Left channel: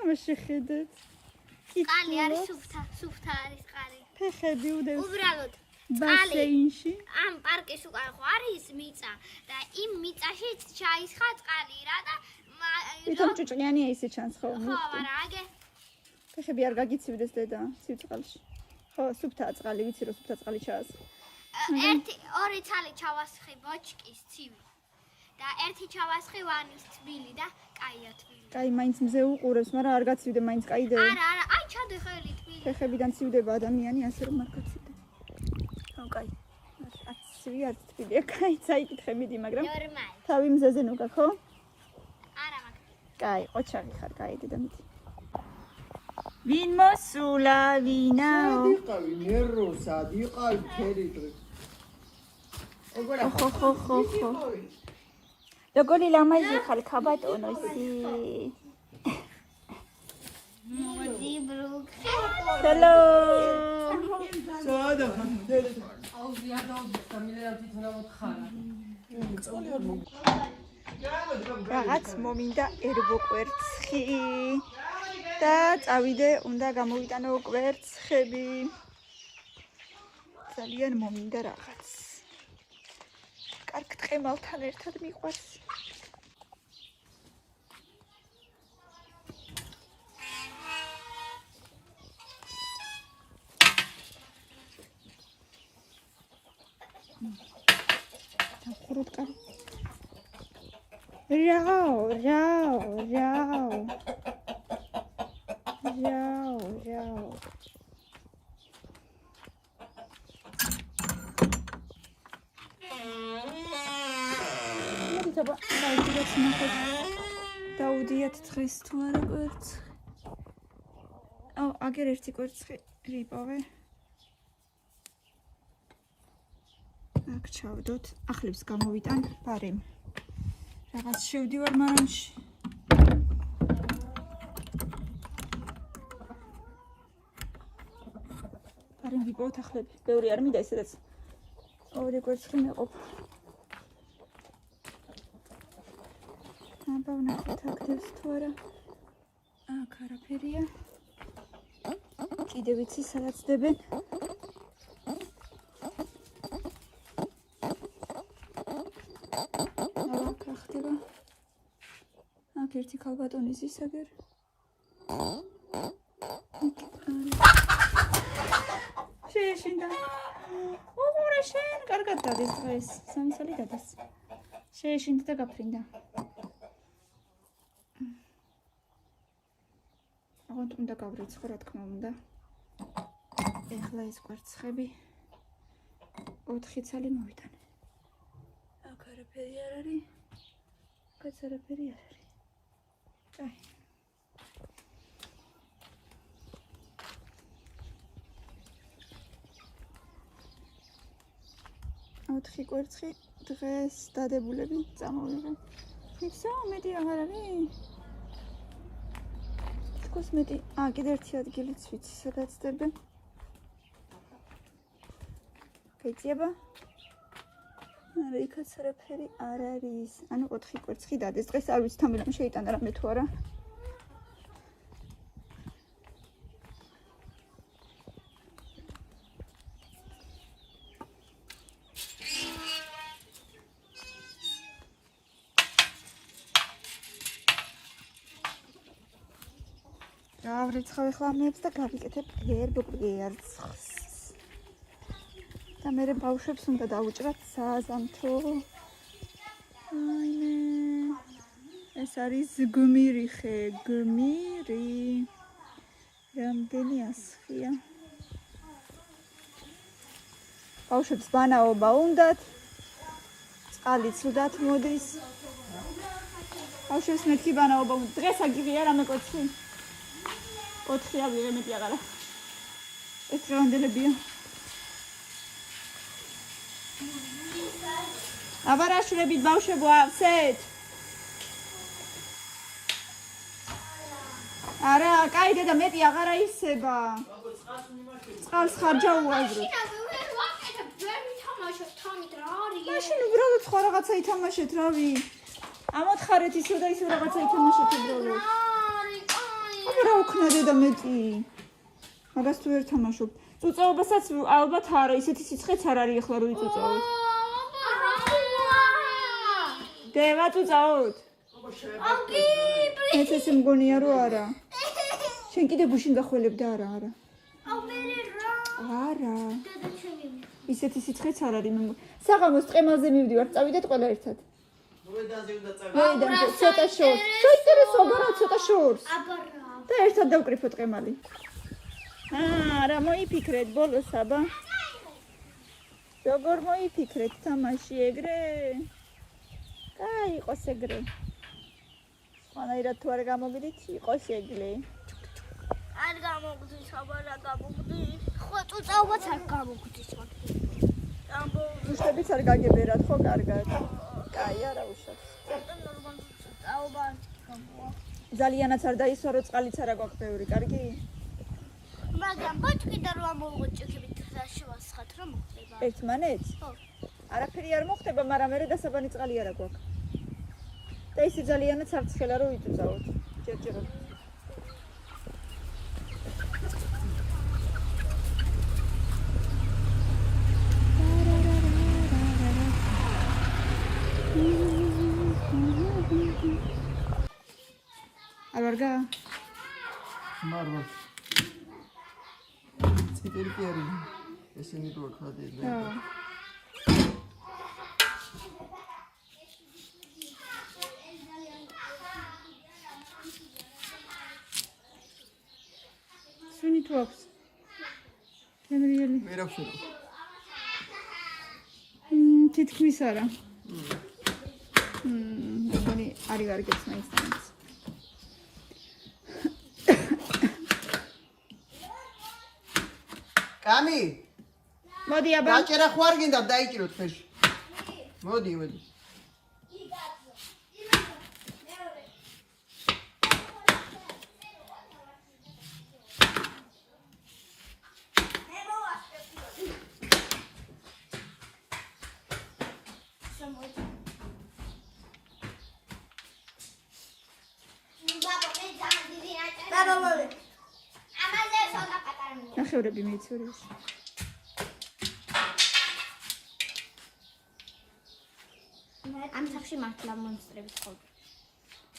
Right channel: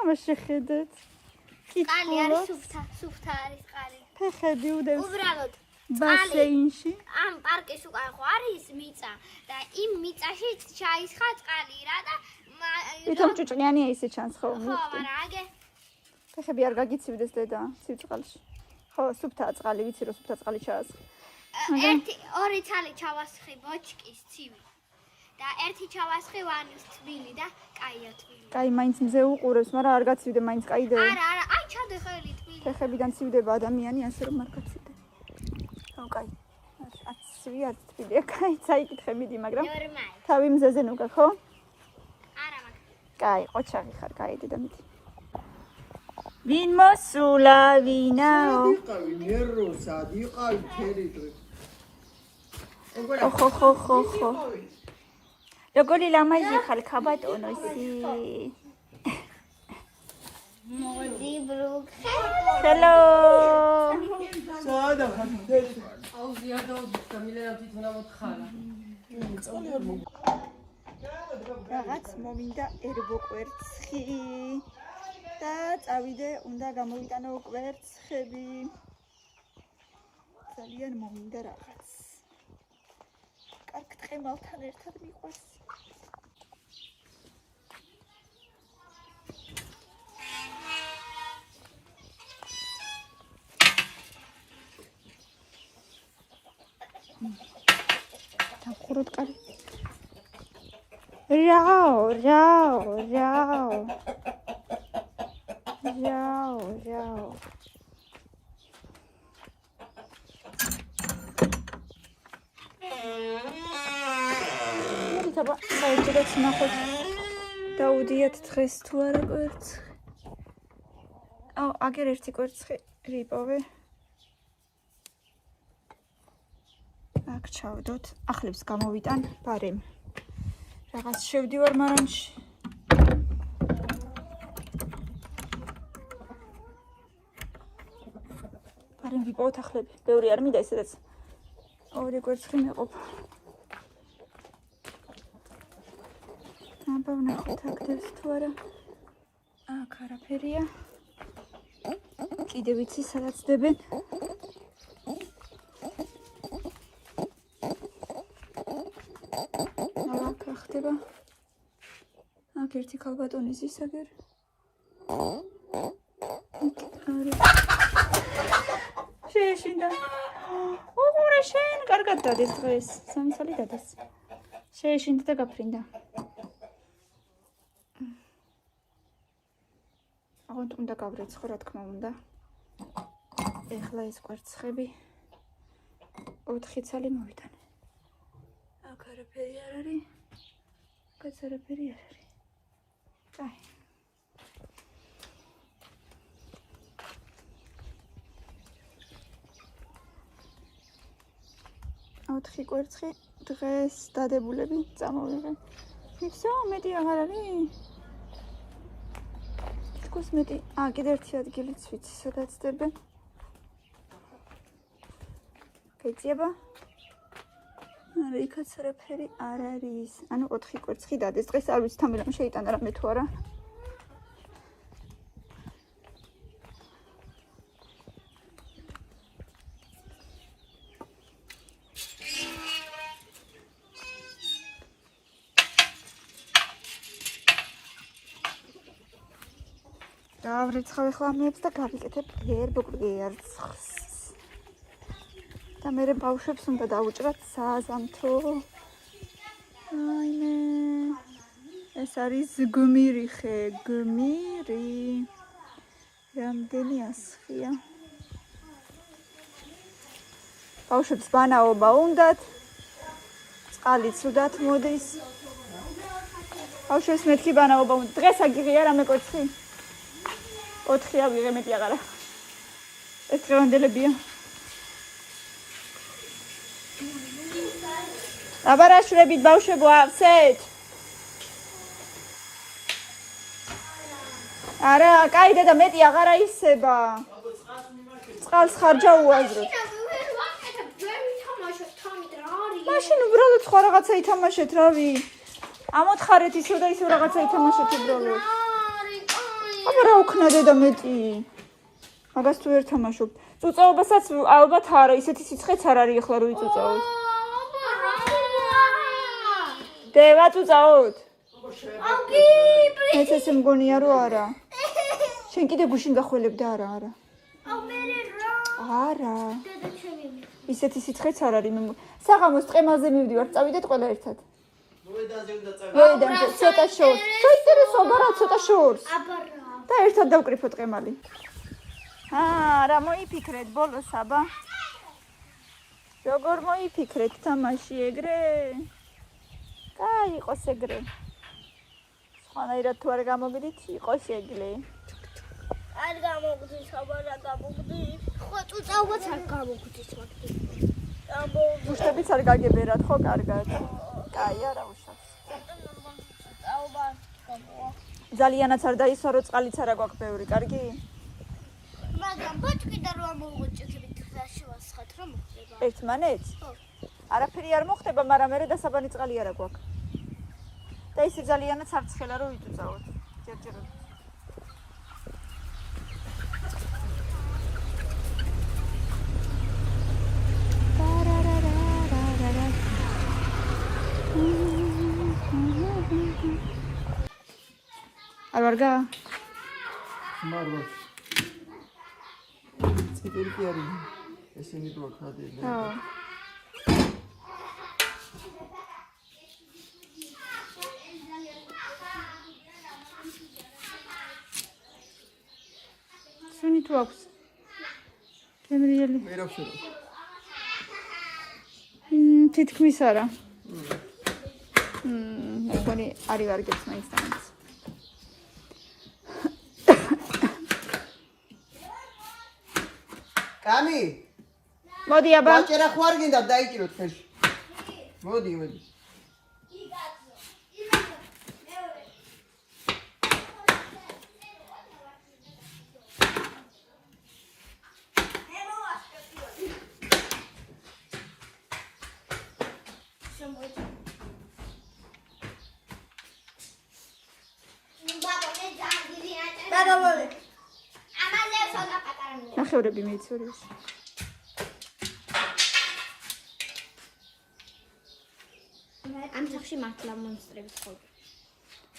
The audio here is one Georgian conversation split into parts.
ამას შეხედეთ. წყალი არის სუფთა არის წყალი. ფეხები უდევს უბრალოდ ბასეინში. ამ პარკის უკან ხო არის მიწა და იმ მიწაში ჩაისხა წყალი რა და თვითონ ჭუჭყიანია ისე ჩანს ხო? ხო, მაგრამ აგე ფეხები არ გაგიცივდეს დედა, სიწყალში. ხო, სუფთაა წყალი, ვიცი რომ სუფთა წყალი ჩაასხი. ორი ცალი ჩავასხი ბოჭკის ცივი და ერთი ჩავასხი ვანის თბილი და კაია თბილი. კაი, მაინც მზე უყურებს, მაგრამ არ გაცივდე, მაინც კაიდეო. არა, აი ჩადე ხელი თბილი. ფეხებიდან ცივდება ადამიანი, ასე რომ არ გაცივდე. ხო, კაი. არც ცივი, არც თბილია, კაი, წაიკითხე მიდი, მაგრამ ნორმალი. თავი მზეზე ნუგა, ხო? არა, მაგრამ კაი, ყოჩაღი ხარ, კაი, დედა მიდი. ვინ მოსულა, ვინაო? იყავი ნერო, სად იყავი ფერი დღეს. ხო. როგორი ლამაზი ხარ, ქაბატონოსი. მოდი ბრუქე. ჰელო. სადა ხარ ფერი. აუზია და გამილენა თვითონ ამოთხარა. რაღაც მომინდა ერბო კვერცხი და წავიდე, უნდა გამოვიტანო კვერცხები. ძალიან მომინდა რაღაც. კარგ ტყემალთან ერთად მიყვარს. დავხუროთ კარი. რაო. საერთოდ ნახოთ. დაუდიათ დღეს თუ არა კვერცხი. აგერ ერთი კვერცხი რიპოვე. აქ ჩავდოთ. ახლებს გამოვიტან ბარემ. რაღაც შევდივარ მარანში. ბარემ ვიპოვოთ ახლები. ბევრი არ მინდა ისედაც. ორი კვერცხი მეყოფ. აბა ვნახოთ აქ დევს თუ არა. აქ არაფერია. კიდე ვიცი სადაც დებენ. აქ ხდება. აქ ერთი ქალბატონის ისაგერ. შეეშინდა. უღურე შენ, კარგად დადეს დღეს. სამი წელი დადეს. შეეშინდა და გაფრინდა. აღარ უნდა გავრეცხო, რა თქმა უნდა. ეხლა ეს კვერცხები 4 წელი მოვიტანე. აქ არაფერი არ არის. აქ არაფერი არ არის. კაი. ოთხი კვერცხი დღეს დადებულები წამოვიღე. ისო მეტი აღარ არის. თქოს მეტი. კიდე ერთი ადგილიც ვიცი, სადაც დებენ. გაიწიება? არა, იქაც არაფერი არ არის. ანუ 4 კვერცხი დადეს. დღეს არ ვიცი თამილამ შეიტანა რამე თუ არა. დავრიცხავ ახლა მეებს და გავიკეთებ ერბო კვერცხს. და მე ბავშვებს უნდა დაუჭრათ საზამთრო. აიმე. ეს არის გმირი ხე, გმირი. რამდენი ასხია. ბავშვებს ბანაობა უნდათ. წყალი ცუდად მოდის. ბავშვებს მეთქი ბანაობა უნდა. დღეს აგიღია რამე კვერცხი. 4 ავიღე მეტი აღარა. ეს დღევანდელებია. აბარაშვრებით ბავშვებო ავსეთ. არა, კაი დედა მეტი აღარა ისება. წყალს ხარჯა უაზროთ. მაშინ უბრალოდ სხვა რაღაცა ითამაშეთ, რავი. ამოთხარეთ ისო და ისო რაღაცა ითამაშეთ უბრალოდ. აბა რა უქნა დედა მეტი. მაგას თუ ვერ თამაშობ. წუწაობასაც ალბათ არა, ისეთი სიცხეც არ არის ახლა რო იწუწაოთ. დევა წუწაოთ. ეს ესე მგონია რომ არა. შენ კიდე გუშინ გახველებ და არა. არა. ისეთი სიცხეც არ არის. საღამოს ტყემაზე მივდივარ, წავიდეთ ყველა ერთად. ვედაზე ცოტა შორს. ცოტა შორს. და ერთად დავკრიფოთ ყემალი. რა მოიფიქრეთ ბოლოს აბა? როგორ მოიფიქრეთ თამაში ეგრე? იყოს ეგრე. სხვანაირად თუ არ გამოგდით, იყოს ეგრე. არ გამოგდის, აბა რა გამოგდის? ხო, წუწაობაც არ გამოგდის მაგდით. უშტებიც არ გაგებერათ, ხო, კარგად. კაი, არა უშავს. წუწაობა გამოვა. ძალიანაც არ დაისვა, რომ წყალიც არა გვაქვს ბევრი, კარგი? მაგრამ ბოჭკი და რა მოვუჭიქებით გზაში ვასხათ რომ მოხდება. ერთმანეთს? ხო. არაფერი არ მოხდება, მაგრამ მე დასაბანი წყალი არა გვაქვს. და ისე ძალიანაც არ ცხელა რომ იწუწაოთ. ჯერჯერობით. არ ვარგა? მარვა. ციტერი კი არის. ესენი თუ აქ ხადია. შენი თუ აქვს? გემრიელი. ვერ აქვს რა. თითქმის არა. მეგონი არის ვარგებს მაინც. კანი მოდი აბა. დაჭერა ხო არ გინდა დაიჭიროთ ხელში. მოდი. ნახევრები მეიცურეს. ამ სახში მართლა მონსტრები ცხოვრობენ.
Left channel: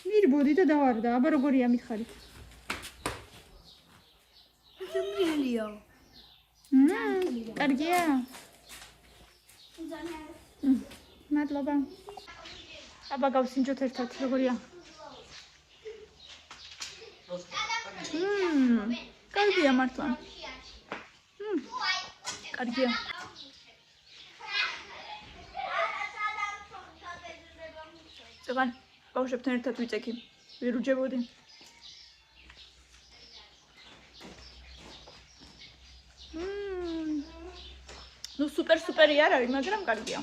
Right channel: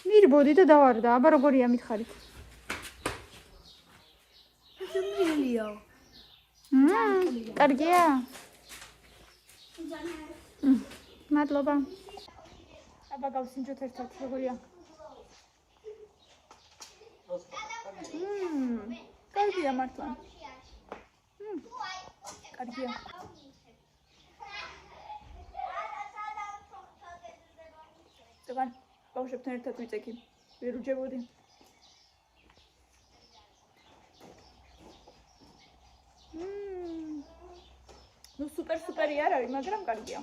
მირბოდი და დავარდა, აბა როგორია მითხარით? შემრიელია. კარგია? მადლობა. აბა გავსინჯოთ ერთად, როგორია? კარგია მართლა. კარგია. ზოგან ბავშვებთან ერთად ვიწექი. ვერ უჯებოდი. ნუ სუპერი არ არის, მაგრამ კარგია.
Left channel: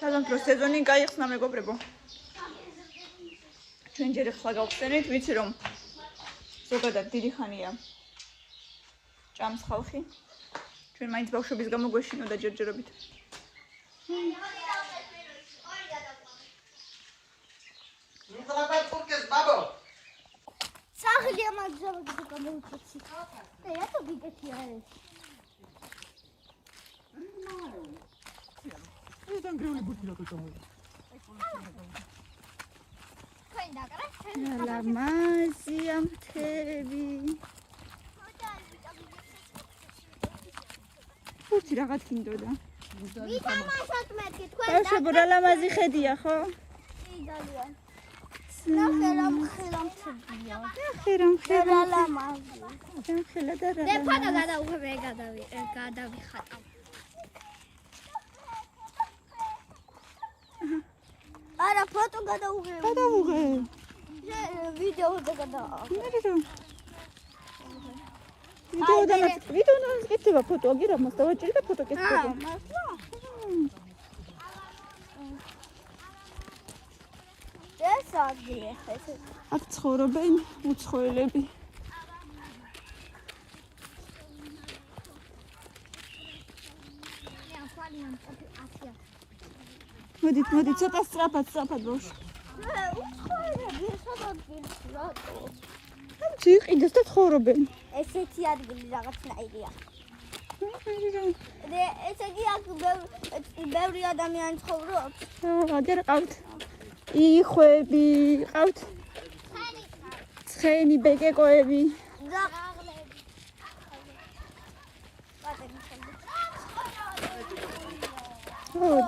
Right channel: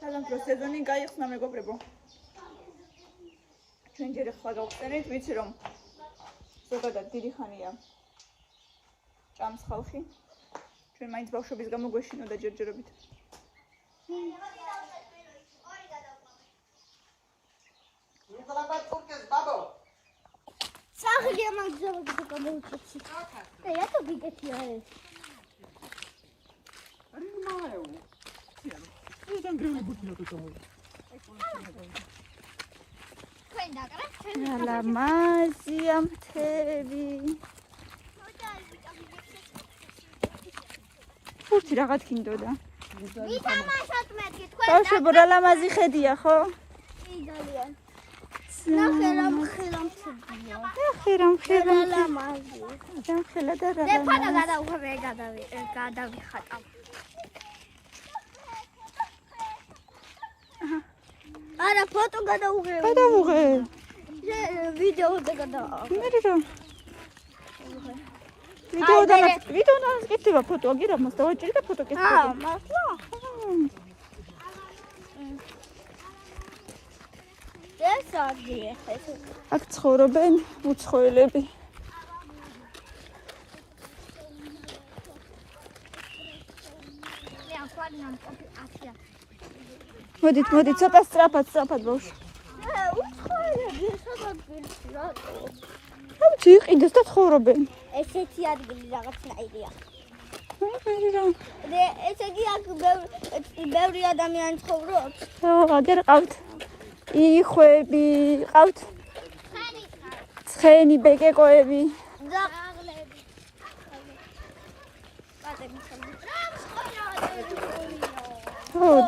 სადამთრო სეზონი გაიხსნა მეგობრებო. ჩვენ ჯერ ახლა გავხსენით, ვიცი რომ ზოგადად დიდი ხანია ჭამს ხალხი. ჩვენ მაინც ბავშვების გამო გვეშინოდა ჯერჯერობით. სახლია მაგზავები და გამოუჩეცი. და რატო გიგეთია ეს? ალა მაზია მთები. ფურთი რაღაც გინდოდა. ბავშვებო რა ლამაზი ხედია ხო? ძალიან. ნახერამ ხერამთებია. ხერამ ლამაზი. ხელა და რა. მე ფოტო გადავხებ გადავიხატავ. არა ფოტო გადავუღებ. ვიდეო და გადავუღებ. ვიდეოდანაც კეთდება ფოტო, აგირამოს დავაჭირი და ფოტო კეთდება. მართლა? ეს აგია ეს. აქ ცხოვრობენ უცხოელები. მოდით, ცოტა სწრაფად ბავშვი. ამჩი იყიდეს და ცხოვრობენ. ესეთი ადგილი რაღაცნაირია. რა. ესე იგი აქ ბევრი ადამიანი ცხოვრობს. აგერ ყავთ. იხვები, ყავთ. ცხენი, ბეკეკოები. და ყაღლები.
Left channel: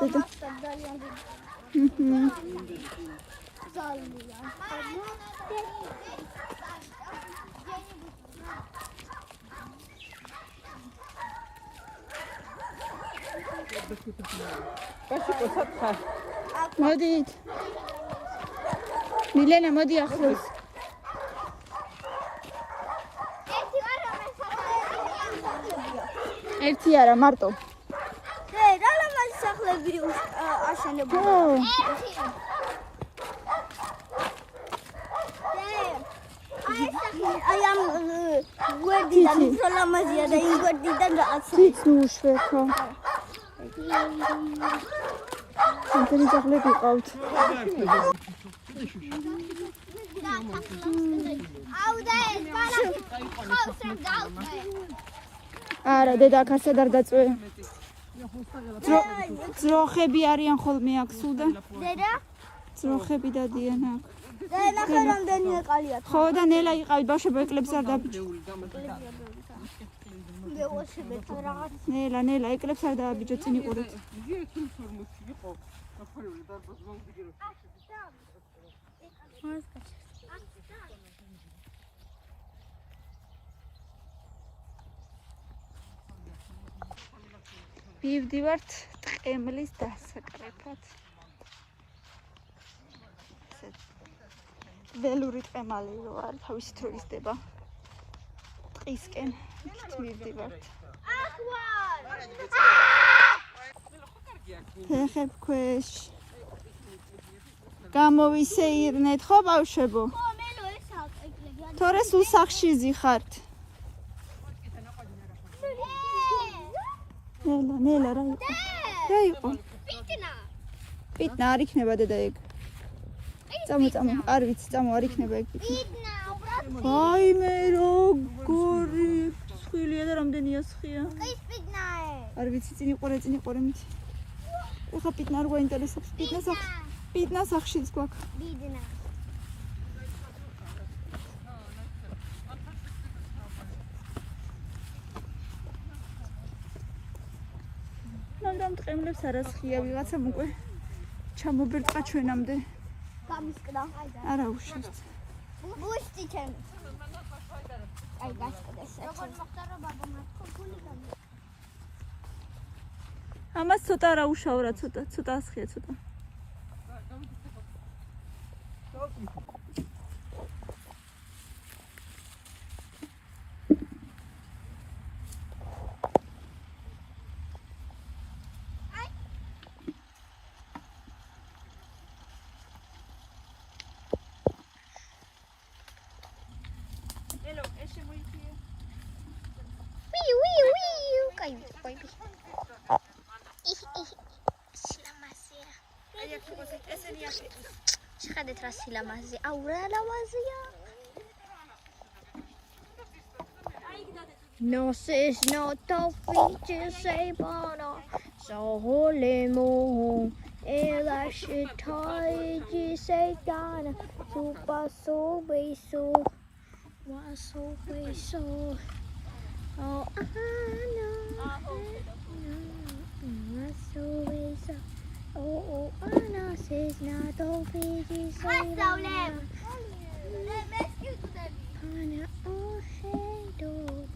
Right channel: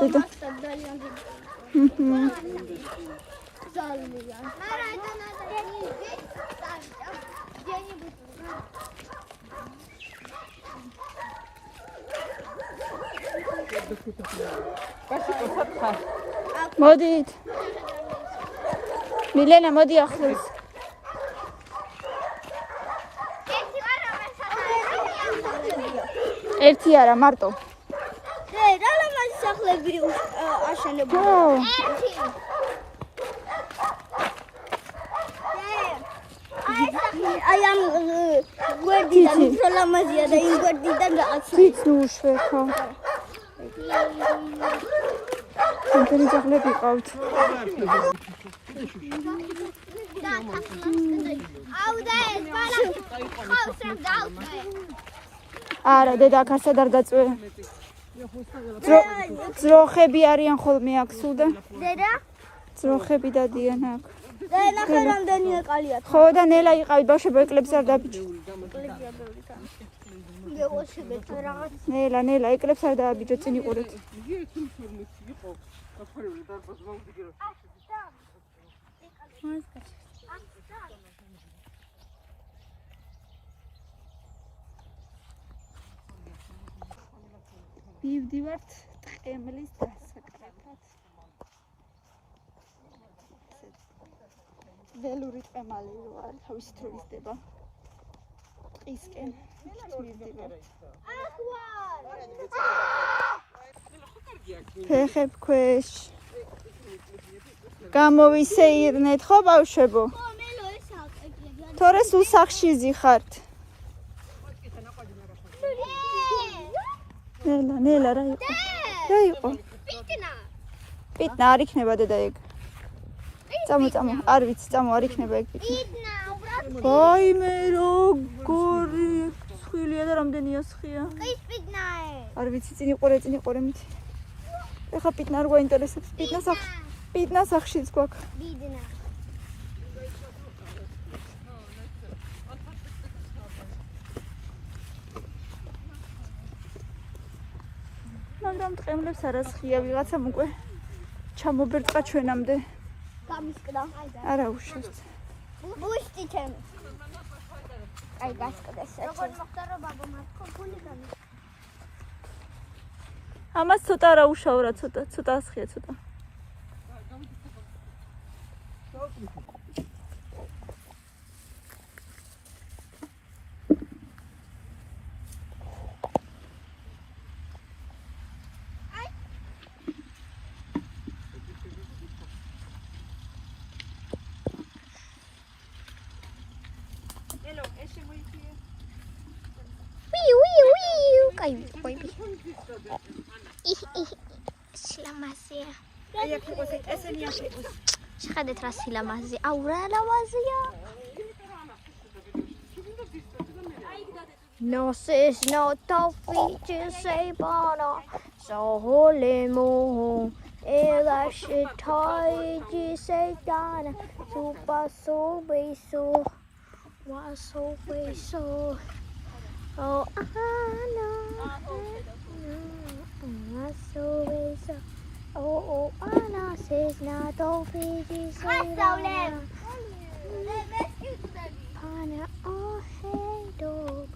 დედა. მოდით. მილენა მოდი ახლოს. ერთი არა მარტო. რა ლამაზი სახლები აშენებია. აი ამ გვერდიდან ისე ლამაზია და იმ გვერდიდან გააცრით. მუშეკო. ამტენი ძაღლები ყავთ. არა, დედა აქ ასად არ დაწვე. ძროხები არიან ხოლმე აქ სულ და დედა? ძროხები დადიან აქ. და ნახე რამდენი ეყალია. ხო და ნელა იყავი ბავშვებო ეკლებს არ დაბიჯ. ნელა ეკლებს არ დააბიჯო წინ იყურეთ. მივდივართ ტყემლის დასაკრეფად. ველური ტყემალი რო არ თავისით რო იზრდება ტყისკენ იქით მივდივართ. ფეხებ ქვეშ გამოვისეირნეთ ხო ბავშვებო? თორე სულ სახლში ზიხართ. ნელა რა იყო? პიტნა არ იქნება დედა ეგ. წამო არ ვიცი წამო არ იქნება ეგ პიტნა. ვაიმე როგორი სხვილია და რამდენია სხია. ის პიტნაა. არ ვიცი წინ იყურე მითი. ეხა პიტნა არ გვაინტერესებს. პიტნა სახლშიც გვაქვს. ბიდნა. მანდ ტყემლებს არა სხია ვიღაცამ უკვე ჩამობერტყა ჩვენამდე. გამისკდა. არა უშავს. ბუშტი ჩემი. აი გასკდეს. როგორ მოხდა რომ ბაბა მათქო ფული გამი. ამას ცოტა რა უშავ რა ცოტა სხია ცოტა. სილამაზეა. აი აქ იყოს ესენი აქ იყოს. შეხედეთ რა სილამაზე. აუ რა ლამაზია. No says no toffee to say bono. So holy mo. Ela she toy to say dana. Super so we so. Was so we so. Oh Anna. Oh, Anna says not all pages. Anna, oh, hey, dog.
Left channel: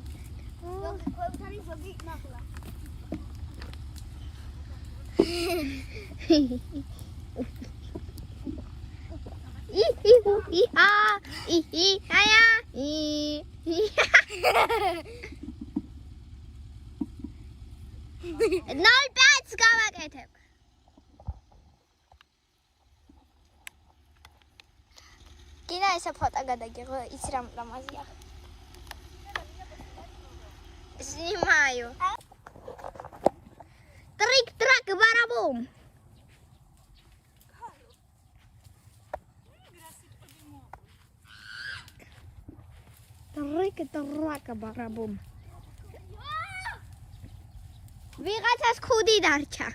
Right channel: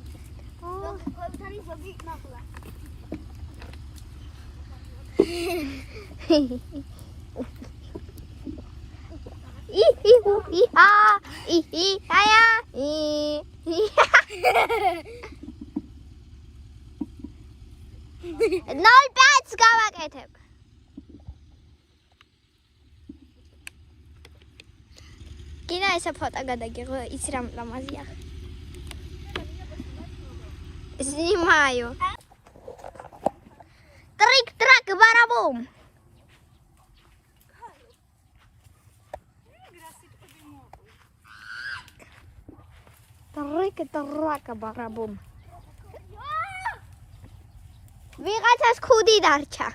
Nol bats გავაკეთებ. გინა ესე ფოტო გადაგიღო, იცი რა ლამაზია. Снимаю. Трик ბარაბუმ. ტრიკ-ტრაკ ბარაბუმ. ვიღაცას ქუდი დარჩა.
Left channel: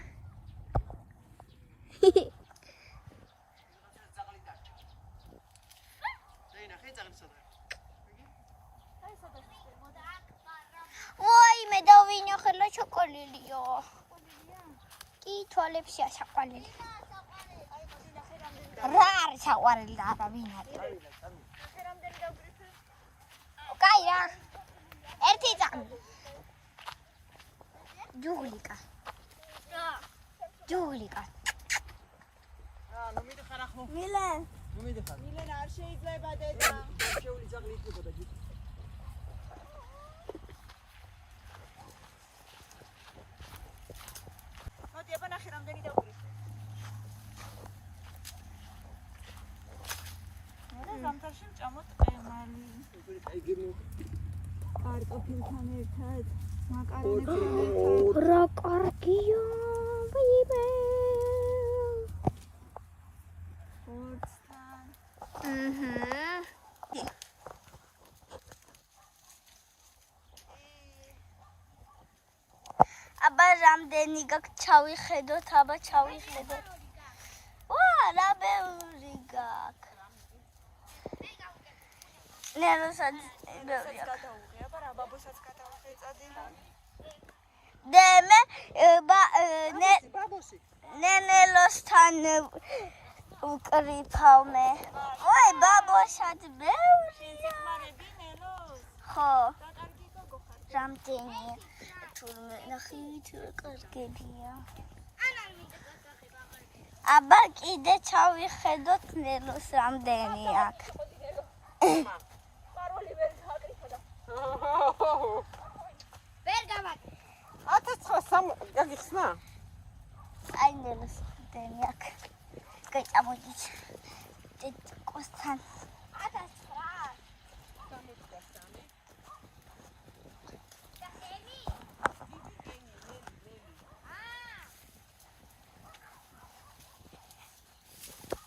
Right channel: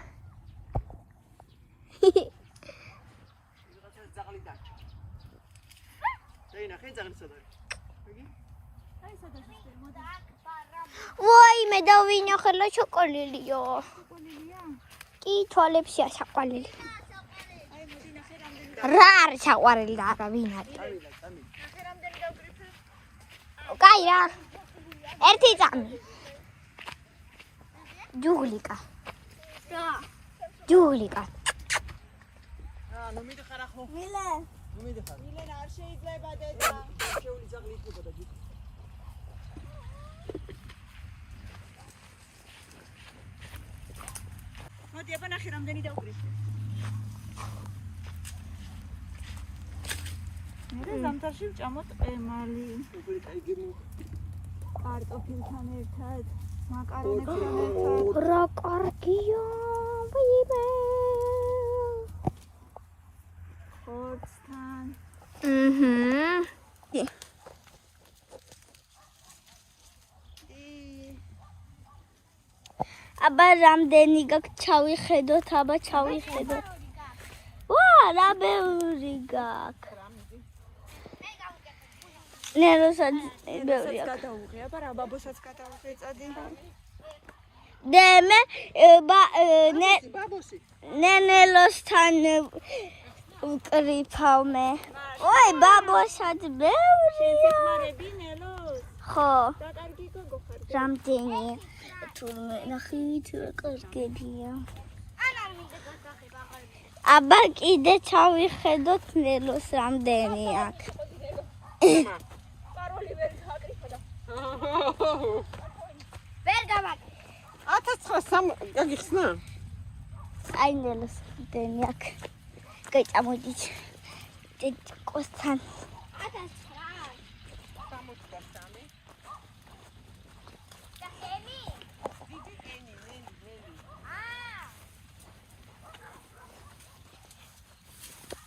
ვაიმე დავინახე შოკოლილიო. კი თვალებშია საყვარელი. რა არის საყვარელი და არა ვინ არის? კაი რა. ერთი წამი. ჯულიკა. რა? ჯულიკა. ნუ მიდიხარ ახო. მილენ. ნუ მიდიხარ. მილენ არ შეიძლება დედა. შეული ძაღლი იქნებოდა ჯი. მოდი აბა ნახე რამდენი დავკრი. მე ზამთარში ვჭამოთ ყემალი. კარტოფილთან ერთად, მაკარონებთან ერთად. რა კარგია, ბიბე. ხორცთან. აბა რამდენი გაქვს ჩავიხედოთ, აბა ჩავიხედოთ. ვა, რა ბევრი გაქვს. ნეროსაც ბევრი აქვს. გადავუღე, აბა რა ბაბოსაც გადავუღე წადი. დემე ბაბოსი. ნენელოსთან უკრიფავ მე. ой, ბაბოსაც ბევრია. მარები ნელოს. ხო, და კარგი გოგო ხარ. რამდენი? თურმე ნახით კარგებია. აბა კიდე ჩავიხედოთ ნელოს რამდენი აქვს. ვერ გავაკეთე. 1900 გაგიხსნა? აი ნელოს რამდენი აქვს. კაი, წამოდით. კოსთან. 1900.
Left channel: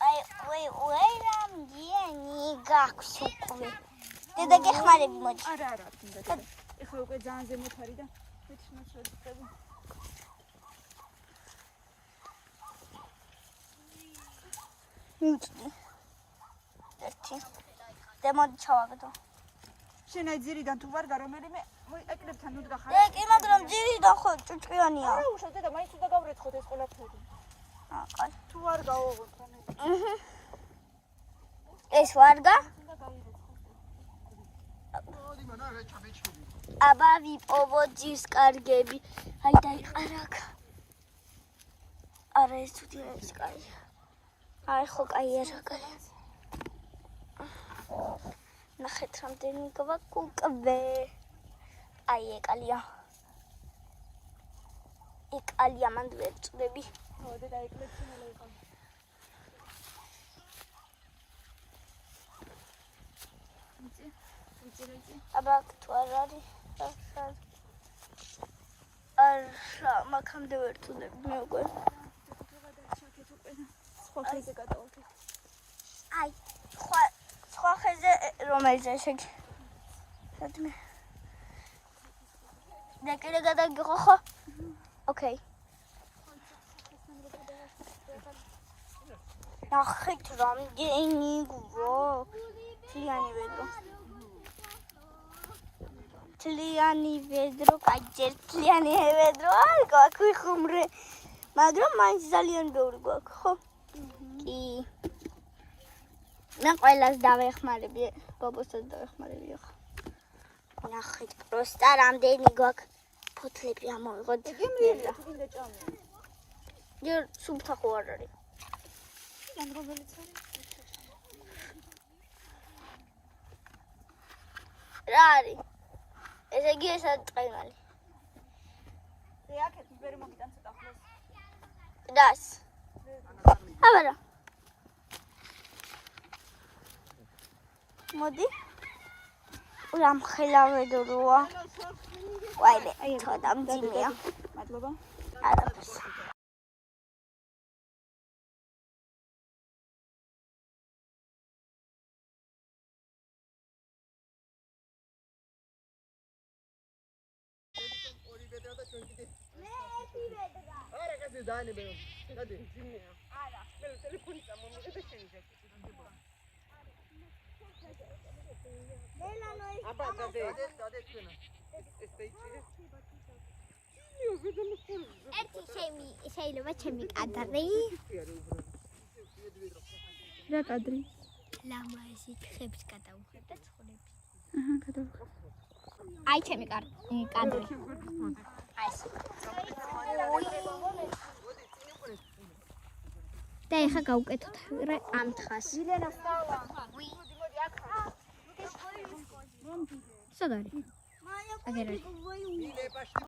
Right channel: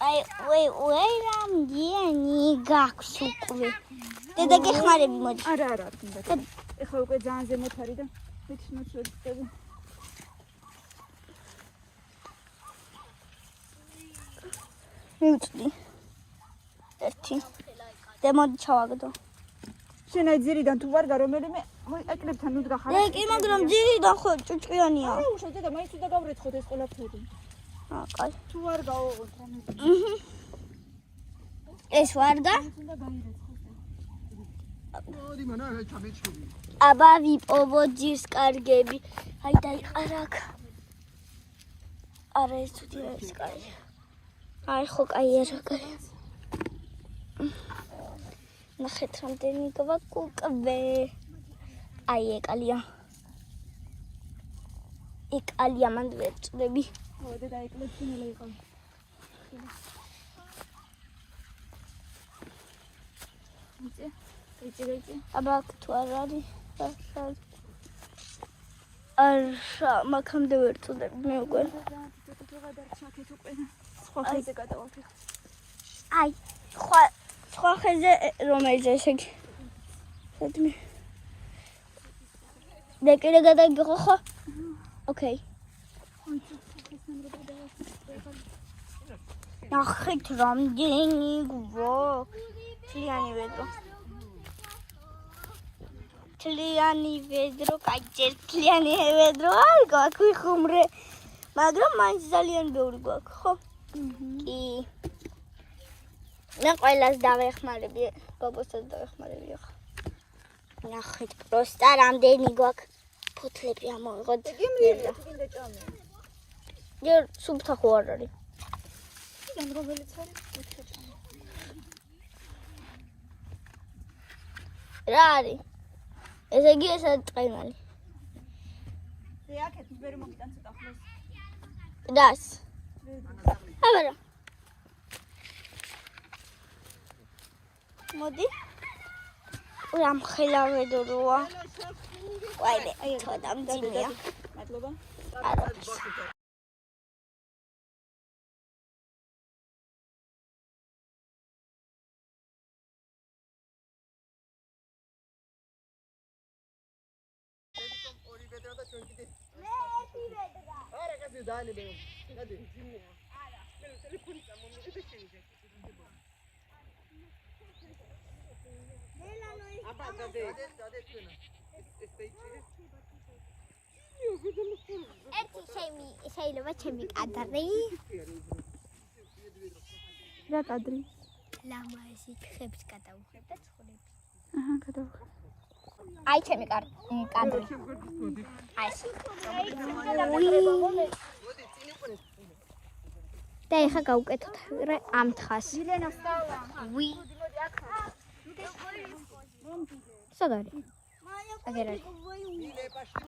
აი, ვეი, რამდენი გაქვს უკვე? დედა გეხმარები მოდი. არა, თუნდაც. ეხლა უკვე ძალიან ზემოთ არის და მეჩნოთ შევწევი. მიწდი. ერთი. და მოდი ჩავაგდო. შენ აი ძირიდან თუ ვარ გარომელიმე ეკრებთან ნუ დგახარ. და კი, მაგრამ ძირიდან ხო ჭუჭყიანია. არა, უშავ დედა, მაინც უნდა გავრეცხოთ ეს ყველაფერი. კაი. თუ არ გავოღოთ რამე. ეს ვარგა? უნდა გაირეცხოთ. მოდი მანა ჩამეჩვი. აბა ვიპოვოთ ჯის კარგები. აი დაიყარა აქ. არა ეს თუ ეს კაი. აი ხო კაი არა კაი. ნახეთ რამდენი გვაქვს უკვე. აი ეკალია. ეკალია მანდ ვერ წდები. ხო, დედა ეკლებში მილე იყო. იცი. აბა თუ არ არის. არა, მაგამდე ვერ წდები მე უკვე. აი, სხვა ხეზე რომელზე შეგი. სადმე. და კიდე გადაგიღო ხო? ოკეი. ნახეთ რამდენი გვაქვს. თლიანი ვედრო, კაი ჯერ თლიანი ვედრო არ გვაქვს ვიხუმრე. მაგრამ მაინც ძალიან ბევრი გვაქვს, ხო? კი. მე ყველას დავეხმარები, ბაბოსაც დავეხმარები ახლა. ნახეთ, პროსტა რამდენი გვაქვს. ფოთლები ამოვიღოთ. გიმრიელია, კიდე ჭამია. ჯერ სუფთა ხო არ არის. ან რომელიც ხარ? რა არის? ესე იგი ესა წაიმალი. რეაქეთ ვერ მომიტან ცოტა ხმას. დას. აბა. მოდი. ურამ ხელავედროა. ვაიმე, თოდა მძიმეა. მადლობა. არა. შეიძლება ჩემი კადრი რა კადრი? ლამაზი ხებს გადავხედა ცხოვრების. აჰა, გადავხედე. აი ჩემი კადრი. აი ეს. და ეხა გავუკეთოთ ამ თხას. ვი. სადარი? აგერა.